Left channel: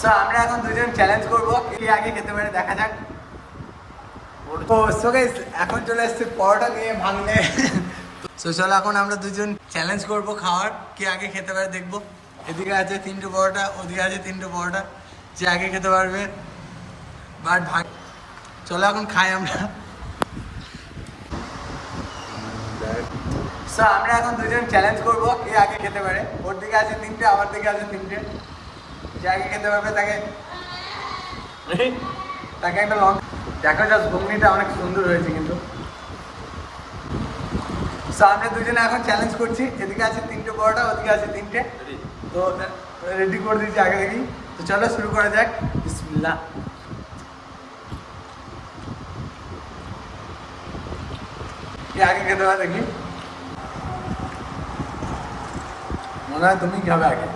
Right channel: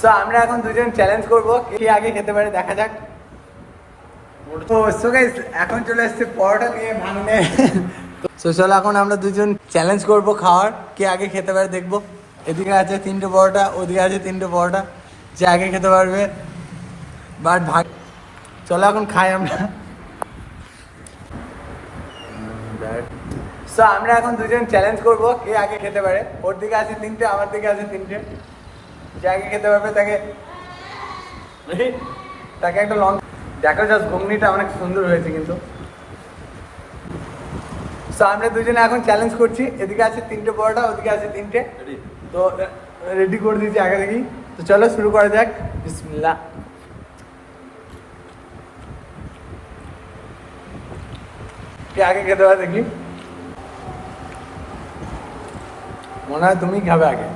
So আমরা এখন দুজন চ্যালেঞ্জ করবো, কে আগে খেতে পারে দেখা যাক। তো সো গাইস এখন চলে এসেছে পরোটা নিয়ে ভাঙনে। তো চলো এখন আমরা দুজন চ্যালেঞ্জ করবো খাওয়ার, কে আগে খেতে পারে দেখবো। এদিকে আছে 3টে পরোটা, ওদিকে আছে 3টে পরোটা, যে আগে খেতে পারবে। বাট ভাগ, চলো এখন খাই আমরা। সো আমরা এখন দুজন চ্যালেঞ্জ করবো, কে আগে খেতে পারে। ওর দিকে আছে 3টে, আমার দিকে আছে 3টে, যে আগে খেতে পারবে তাকে তাকে একটা লং। দেখো জাস্ট ঘুগনিটা অনেক সুন্দর হয়েছে কিন্তু। সো আমরা দুজনে এখন চ্যালেঞ্জ করছি, এদিকে আছে 3টে পরোটা, ওদিকে আছে 3টে। তো রেডি করে দিয়েছি আগে থেকেই। তো চলো শুরু করা যাক, বিসমিল্লাহ। কে আগে খেতে পারে দেখি। মনে হয় তুমি খাবে আগে।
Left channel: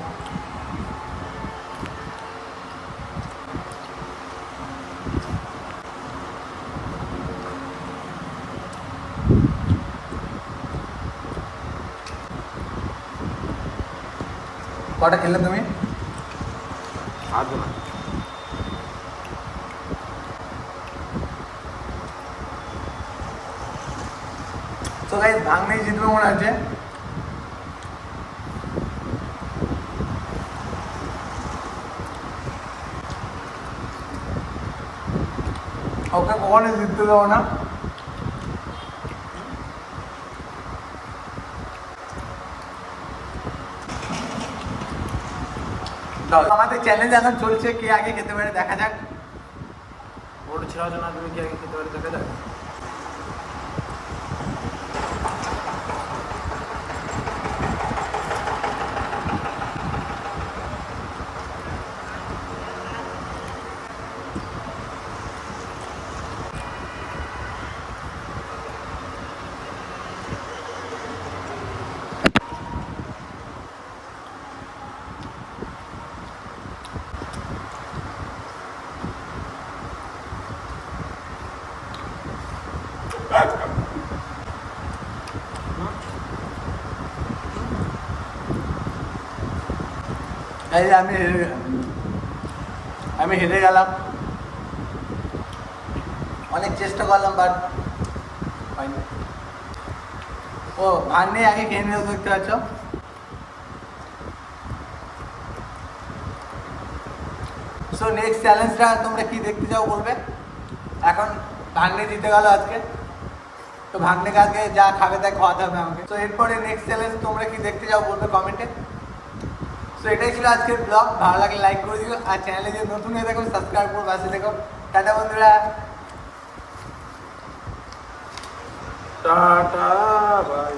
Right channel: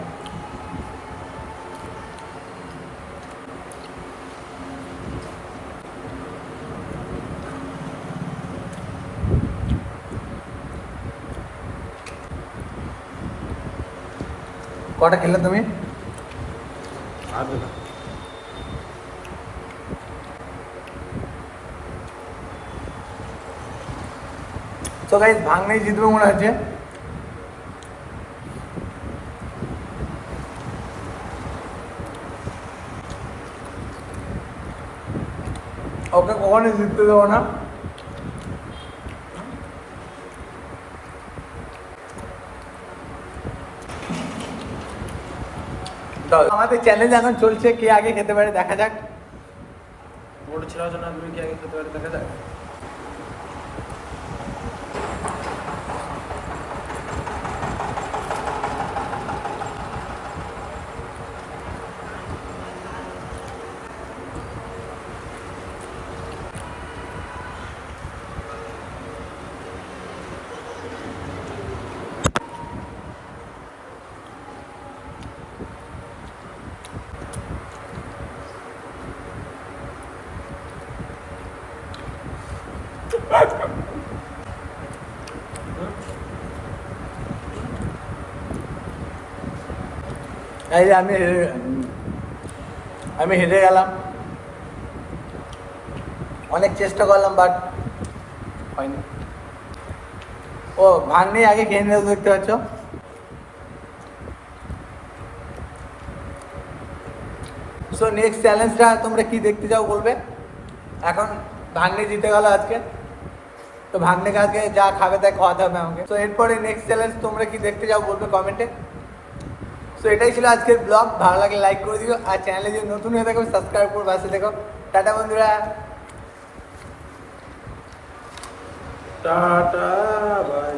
কটা খেলে তুমি? তো গাইস ভাঙনেই জিতবে মনে হচ্ছে। ওকে কখনোই জিততে দেবো না। আমাদের চ্যালেঞ্জ এখন চলছে, কে আগে খেতে পারে দেখা যাক। ওটা ছিল না, তুমি কি আগে খেতে পারে দেখা যাক। এই যে আমি হেরে গেলাম। অনেক চেষ্টা করলাম বাট হয়নি। ও ভাঙনেই আগে খেয়ে নিয়ে দেখতে পাচ্ছ। সো নেক্সট চ্যালেঞ্জটা তোমরা কি দেখতে চাও বলবে। এখন ভাঙনে জিতে গেল আজকে, তো ভাঙনে আজকে যা খাবে তাই খাওয়াতে হবে আমাকে। তো এরপরে নেক্সট চ্যালেঞ্জ তোমরা কি দেখতে চাও বলবে কমেন্টে। তো এটাই ছিল আজকের ব্লগ, ভালো লাগলে লাইক করে দিও, আর চ্যানেলে যদি নতুন হয়ে থাকো সাবস্ক্রাইব করে পাশে দেখো। টাটা বন্ধুরা, টাটা বাই।